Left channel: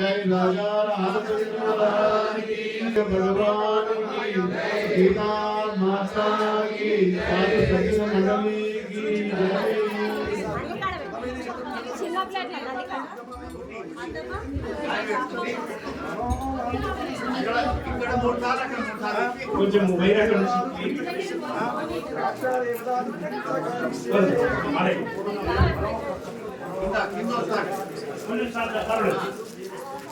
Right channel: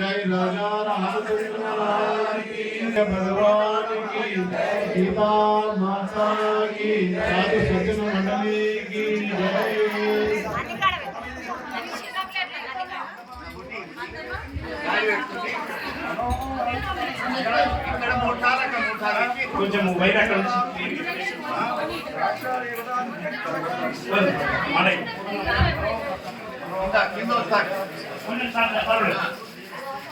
జై రాజా రామచంద్ర की भगवान की गीता माता की साधु सज्जन मंडली की जय చిన్న ప్లేట్ ఇక్కడ మూడు సార్లు అక్కడ మూడు సార్లు ఎక్కి కొంచెం బయట అక్కడ నుంచి అడే ఉంటా, కింద వస్తాడు కొంచెం సార్ పర్వాలేదు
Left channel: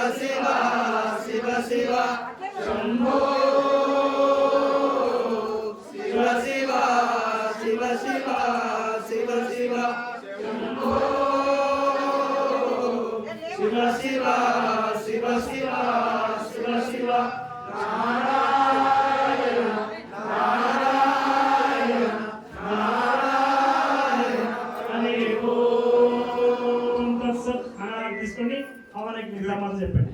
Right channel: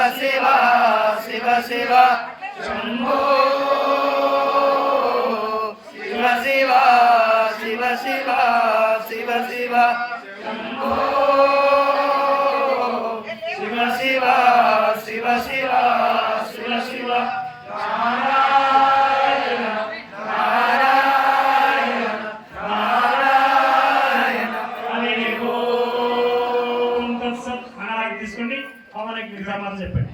పూర్ణమిదం పూర్ణాత్ పూర్ణముదచ్యతే పూర్ణస్య పూర్ణమాదాయ పూర్ణమేవావశిష్యతే ఓం సర్వేషాం స్వస్తిర్భవతు ఓం సర్వేషాం శాంతిర్భవతు ఓం తీసుకోండి. మనకి సమాధానం చెప్పండి?